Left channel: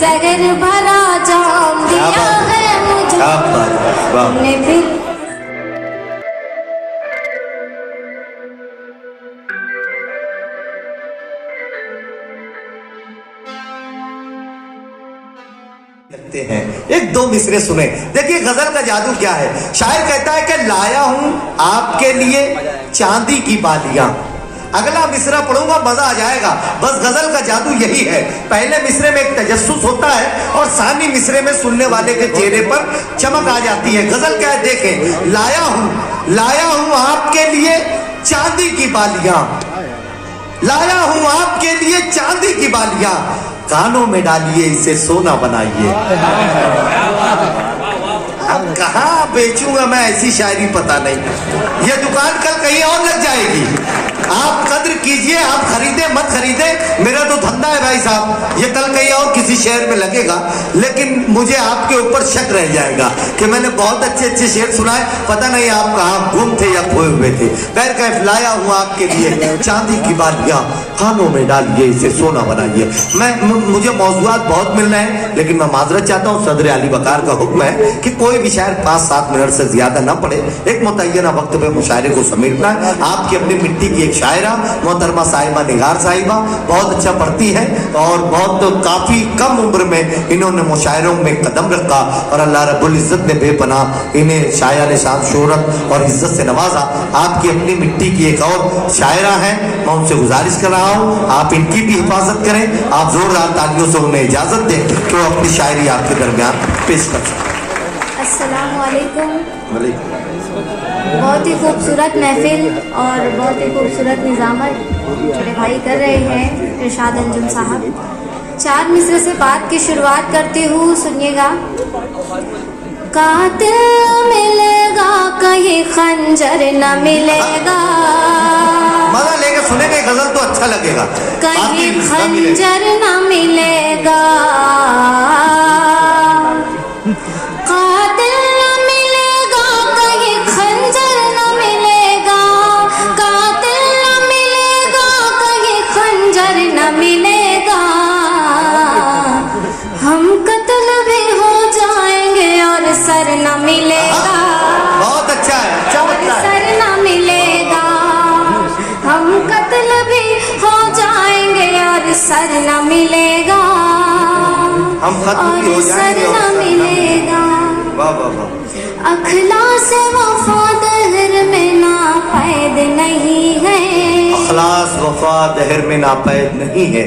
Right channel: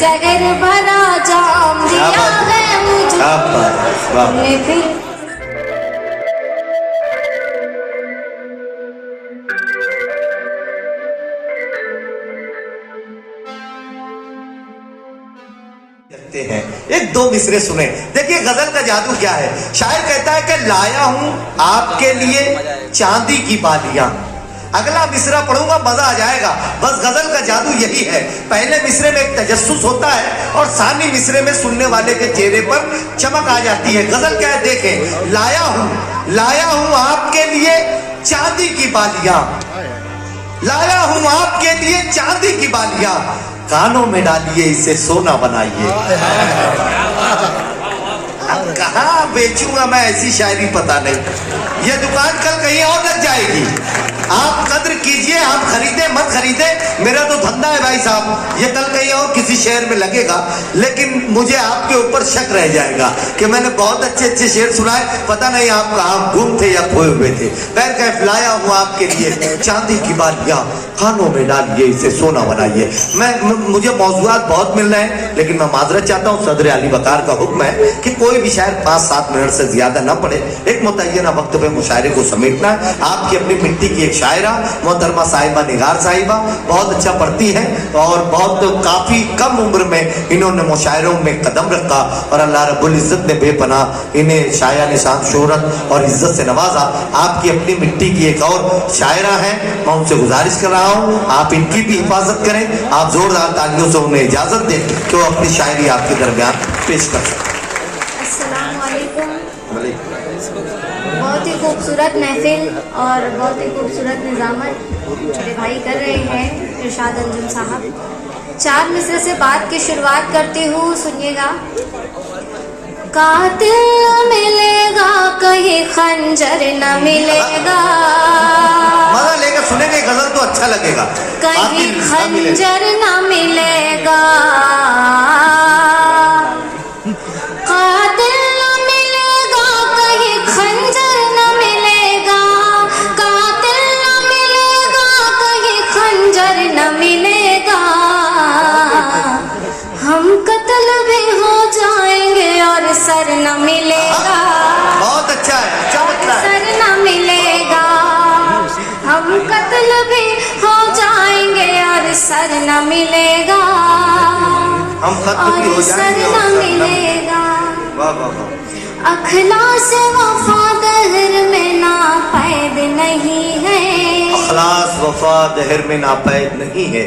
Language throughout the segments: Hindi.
जगर भरा जाम दिया है मुझे तुमने फिर। लगते हैं एक दो मिसरे सुने। देखिए गजल का जादू क्या है। शायर कहता है कि लाया हूं आपके लिए चांदी की बालियां। अगला मिसरा पढ़ूंगा मजा आ जाएगा। बस गजल का जादू यही है, पहले मिसरे में एक तजस्सुस होता है और सानी मिसरे में सुनने वाले के चेहरे पर चमक आ जाती है। गजल क्या है देखें, लाया हूं आपके लिए चांदी की बालियां, लाया हूं आपके लिए चांदी की बालियां, कानों में डालिए इसे सोना बनाइए। अब कहाँ बेचूंगा मैं ऐसी शायरी पता नहीं। ये दुकान कल कहीं और लग जाएगी। आप कद्र कीजिए, आप खरीदे मत खरीदे, मेरा तो धंधा है भाई साहब। ये कल कहीं और किसी शहर में लगेगा, लेकिन मुझे आपके ऊपर शक रह जाएगा कि मैंने बहुत अच्छे अच्छे शेर सुनाए, पता नहीं आप कहाँ गुम थे या खोए हुए थे। खैर कैफ लाया हूँ आपके लिए चांदी की बालियां, कानों में डालिए इसे सोना बनाइए। मुझे मौजूआत बहुत मिल रहे हैं, लेकिन मैं माजरत चाहता हूँ। सदर अली वकार का हुक्म है कि कोई भी शायर 5-7 मिनट से ज्यादा न पढ़े। एक मुतय्यना वक्त पे मुशायरे को समेटना है। आपकी अपनी मिट्टी की एक शायरा मोहतरमा साहिबा निगार साहिबा बहुत अच्छा पढ़ती हैं और बहुत तो काफी कम उम्र में इन्होंने मुशायरों में कदम रखा और अल्लाह रब्बुल इज्जत ने बेपनाह इन्हें शायान शान शोहरत और इज्जत से नवाजा। आपकी अपनी मिट्टी की एक और शायरा है, मैं उनसे गुजारिश कर रहा हूँ आप इनकी भी हिफाजत करें। आप जोरदार तालियों से उन्हें इजाजत दें कि वो अपनी शायरी आपके दरमियान पेश कर सकें। अस्सलाम वालेकुम। बहुत ही खूबसूरत महफिल और बहुत ही खूबसूरत निजामत मेरे भाई कर रहे हैं इरशाद अंजुम साहब। 4 मिसरे से बात की शुरुआत करती हूँ, सुनिएगा। कातिल मिलेगा कहीं खंजर न मिलेगा, मजा लेकर सुनेंगे गजल तो अच्छा लगेगा। कहीं खंजर न मिलेगा, सर न मिलेगा। बहुत अच्छा है, अच्छा मतलब सर न मिलेगा, हम कत्ल भी हो जाएंगे और सर न मिलेगा, हम कत्ल भी हो जाएंगे और सर न मिलेगा। वाह वाह वाह। अखलास वफा दहर में नापैद नहीं है, अखलास वफा दहर में नापैद नहीं है,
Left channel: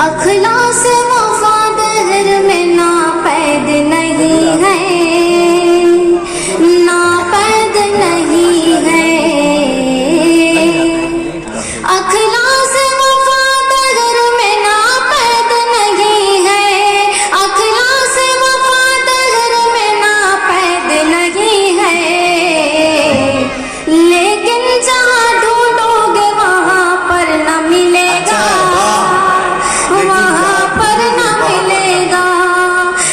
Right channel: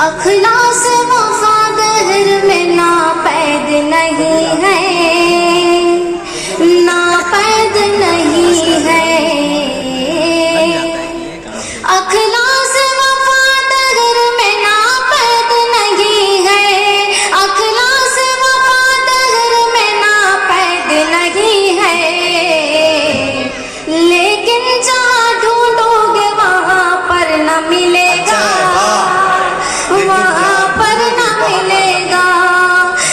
अखलास वफा दहर में नापैद नहीं है, नापैद नहीं है। अखलास वफा दहर में नापैद नहीं है, अखलास वफा दहर में नापैद नहीं है, लेकिन जहाँ ढूंढोगे वहाँ पर न मिलेगा, वहाँ पर न मिलेगा,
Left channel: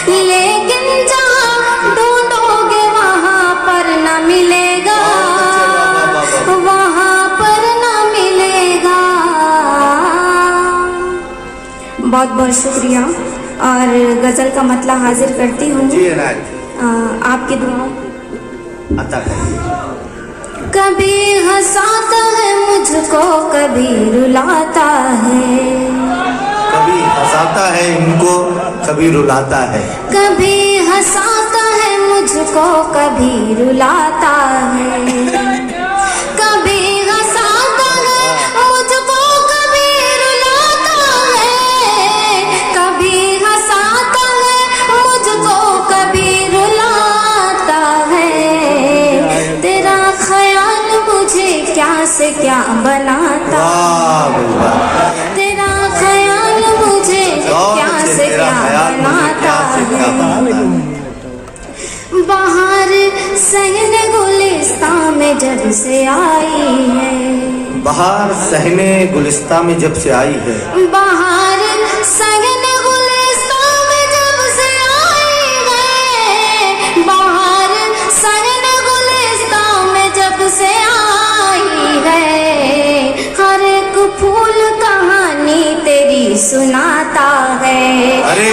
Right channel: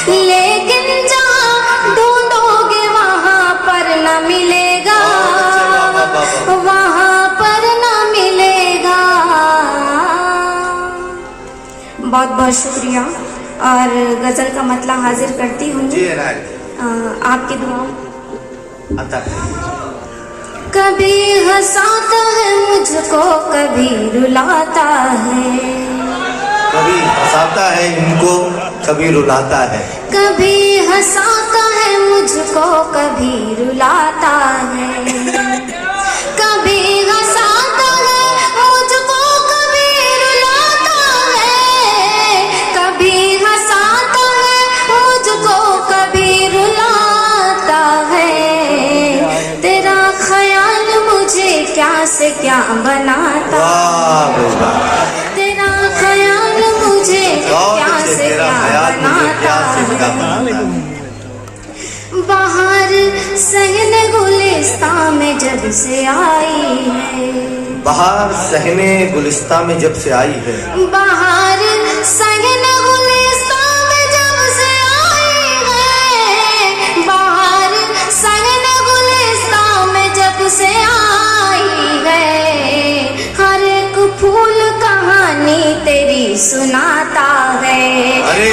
लेकिन जहाँ ढूंढोगे वहाँ पर न मिलेगा, वहाँ पर न मिलेगा। बहुत बहुत शुक्रिया और गजल का मतला हाजिर करती हूँ आपकी दुआओं। कभी हंसाता है मुझको, कभी रुलाता है, कभी हंसाता है इनको, कभी रुलाता है, कभी हंसाता है मुझको, कभी रुलाता है, कभी हंसाता है मुझको, कभी रुलाता है, कभी हंसाता है मुझको, कभी रुलाता है। तेरा ख्याल मुझे क्या से क्या बनाता, तेरा ख्याल मुझे क्या से क्या बनाता है। बाहर सहने गुलिस्तान में जब से आई है, बाहर सहने गुलिस्तान में जब से आई है, बाहर सहने गुलिस्तान में जब से आई है, बाहर सहने गुलिस्तान में जब से आई है। हर एक फूल कहानी तेरी सुनाता है, अरे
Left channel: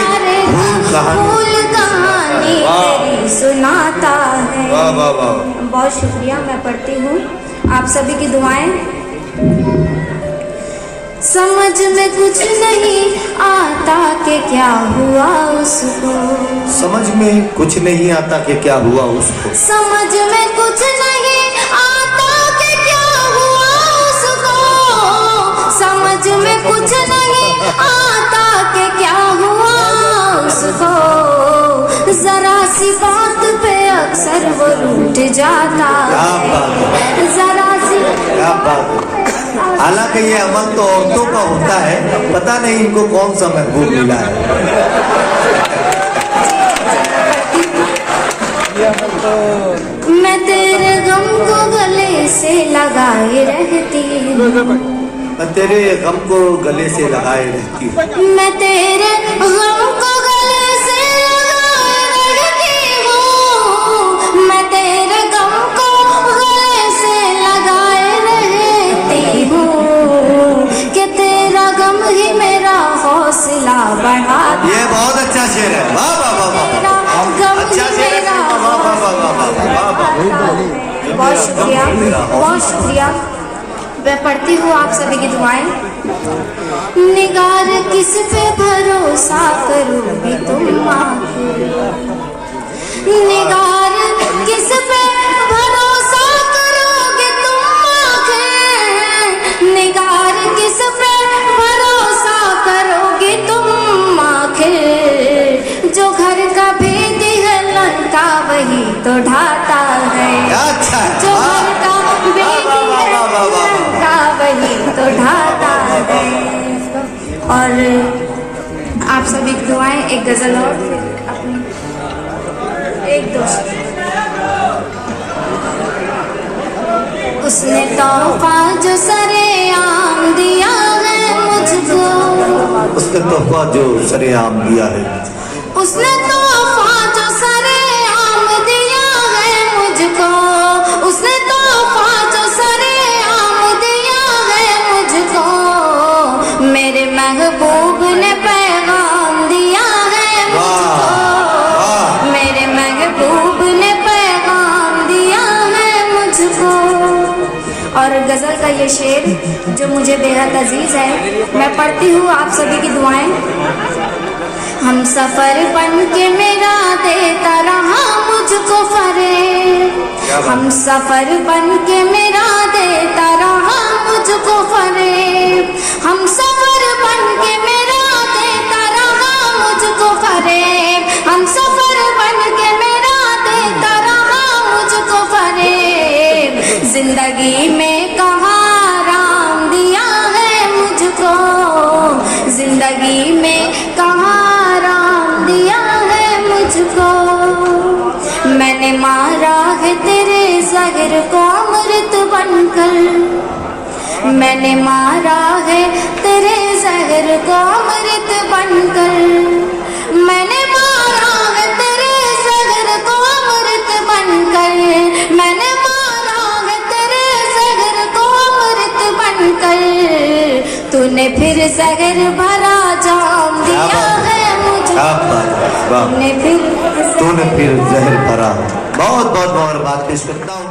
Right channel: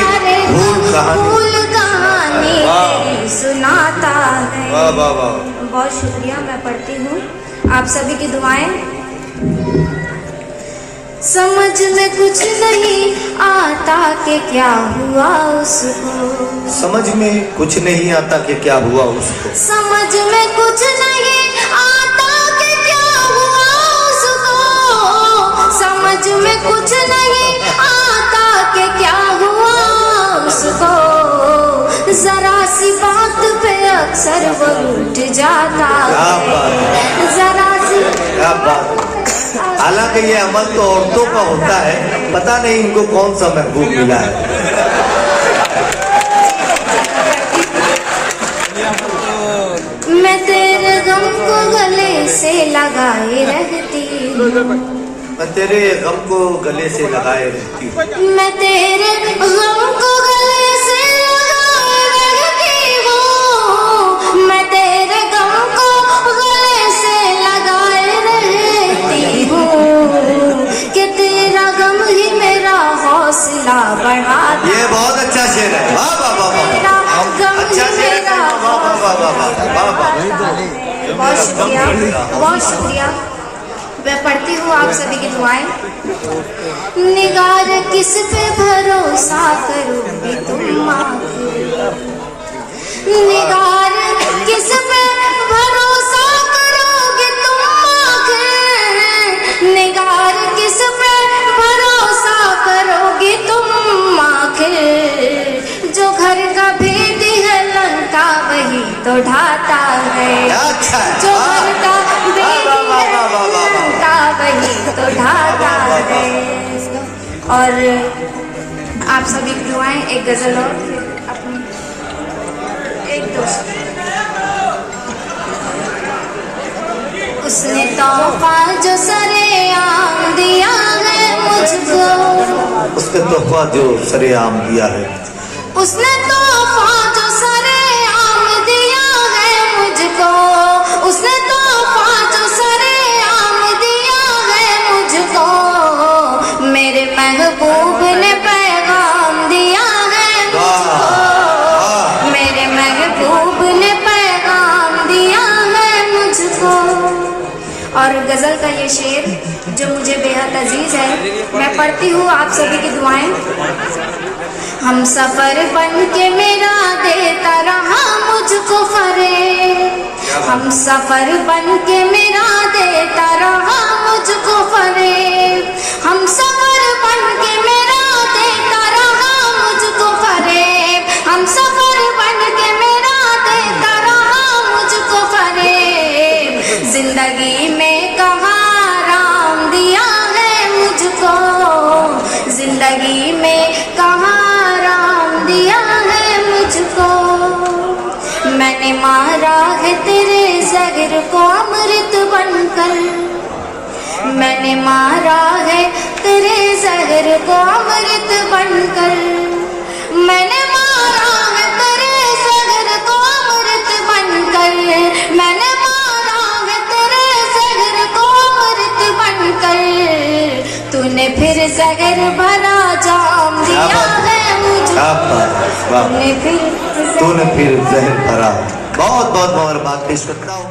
वाह वाह वाह। बहुत शुक्रिया। मैं पढ़ती हूँ आप सभी की दुआएं। समझ में कुछ नहीं आता कि क्या हुआ उसको, समझ में कुछ नहीं आता कि क्या हुआ उसको, समझ में कुछ नहीं आता कि क्या हुआ उसको, समझ में कुछ नहीं आता कि क्या हुआ उसको, जरा सी बात पे अक्सर वो रूठ जाता क्या बात है, जरा सी क्या बात है। हालांकि ये अमल तो औरतों का होता है, पता नहीं इनको कौन सा महबूब मिला है। मैं तेरे गम को गले से लगाए रहती हूँ, मैं तेरे गम को गले से लगाए रहती हूँ, मैं तेरे गम को गले से लगाए रहती हूँ, मैं तेरे गम को गले से लगाए रहती हूँ, कि तेरा गम ही मेरा हौसला बढ़ाता, ये बहुत अच्छा शेर है। वाह वाह वाह वाह, गम अच्छा ही शेर है। मेरा वाह वाह वाह वाह वाह वाह। बहुत शुक्रिया, बहुत शुक्रिया। मैं पढ़ती हूँ आप सभी की दुआएं। निगार किस पे भरोसा करोगी तुम आखिर, निगार किस पे भरोसा करोगे तुम आखिर, निगार किस पे भरोसा करोगे तुम आखिर, जो घर का भेद है लंका वही तो ढाता है, अच्छा है। जो घर का भेद है लंका वही तो ढाता है। और आप सभी की दुआएं। एक गजल और फिर अपनी एक दोस्त। उसने तोहफा जो सरेआम दिया है मुझको, उसने तोहफा जो सरेआम दिया है, उसने तोहफा जो सरेआम दिया है मुझको, उसने तोहफा जो सरेआम दिया है मुझको, मेरे महबूब ने पैगाम दिया है मुझको, मेरे महबूब ने पैगाम दिया है मुझको। और गजल का ये शेर जो मुझे बेहद अजीज है, मैं पढ़ती हूँ आप सभी की दुआएं। हम सफर बन के मेरा देता रहा मुझको फरेब, हम सफर बन के मेरा देता रहा मुझको फरेब, हम सफर बन के मेरा देता रहा मुझको फरेब, हम सफर बन के मेरा देता रहा मुझको फरेब, जिंदगी में कहाँ राम दिया है मुझको, जिंदगी में कहाँ दिया है मुझको, मैंने मारा है तेरे जहर को अमृत बनकर, मैंने मारा है तेरे जहर को अमृत बनकर, मैंने मारा है तेरे जहर को अमृत बनकर, मैंने मारा है तेरे जहर को अमृत बनकर, तूने फिर जहर भरा जाम दिया है, तूने फिर जहर भरा। बहुत बहुत मुबारकबाद पेश करता हूँ।